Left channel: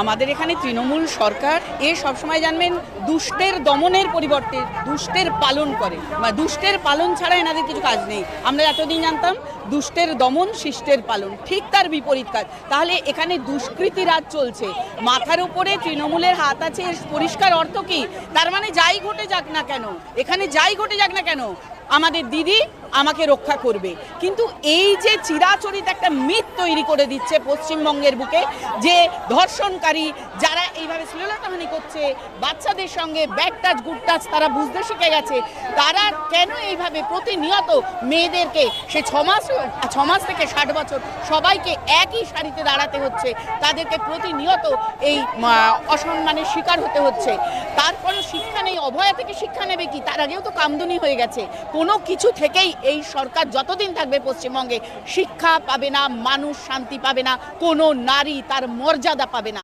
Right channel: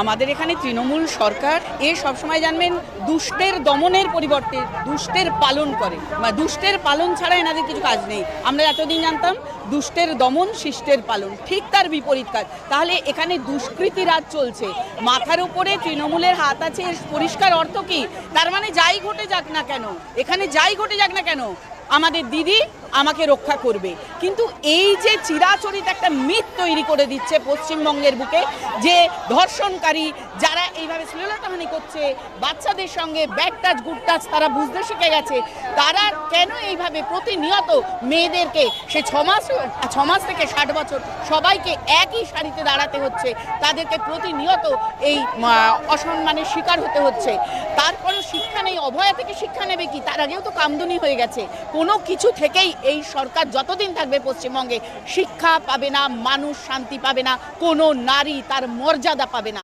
আমাদের এখানে তৃণমূল সরকার সবসময় জানবেন দুষ্টের দমনের পরিবর্তে দুষ্টের পালন করে, বা দুষ্টের পালন ছাড়া এনাদের কিছু কাজ নেই। আমরা এতদিন জানতাম দুষ্টের দমন শিষ্টের পালন, ঠিক তার বিপরীত কাজ। তাহলে এখানে দুষ্কৃতি রাজ চলছে, মাথার উপরে তৃণমূলের হাত আছে, এর পরিষ্কার অর্থ কি? তার মানে যাই ঘটে যাক না কেন, এখানে যাই ঘটে যাক না কেন, আমাদের দিদি আমাকে রক্ষা করবে। কিন্তু এই যে চিরাচরিত একটা মিথ তৈরি করে দিচ্ছে পশ্চিমবঙ্গের বুকে, যে ধর্ষণকারী যারা এইভাবে শ্লীলতাহানি করছে বাচ্চাদের সঙ্গে, ব্যাড টাচ গুড টাচ তারা বুঝতে শিখে গেছে, তারা কেন এইভাবে প্রতিনিয়ত মেয়েদেরকে সে 6 মাস থেকে 60 বছর সবাইকে একই সারিতে দাঁড়াতে হচ্ছে, তাদেরকে প্রতিনিয়ত এই অসম্মানের শিকার হতে হচ্ছে। তারপরেও শিক্ষা নেই। অভয়া থেকে শিক্ষা নেবে কি? তার আগেও তো কামদুনি হয়ে গেছে। কোনো কিছু থেকেই এই সরকার যতদিন থাকবে পশ্চিমবঙ্গে শিক্ষা পাবে না, মানুষ শান্তি পাবে না, কোনো নারী তার মর্যাদা পাবে না।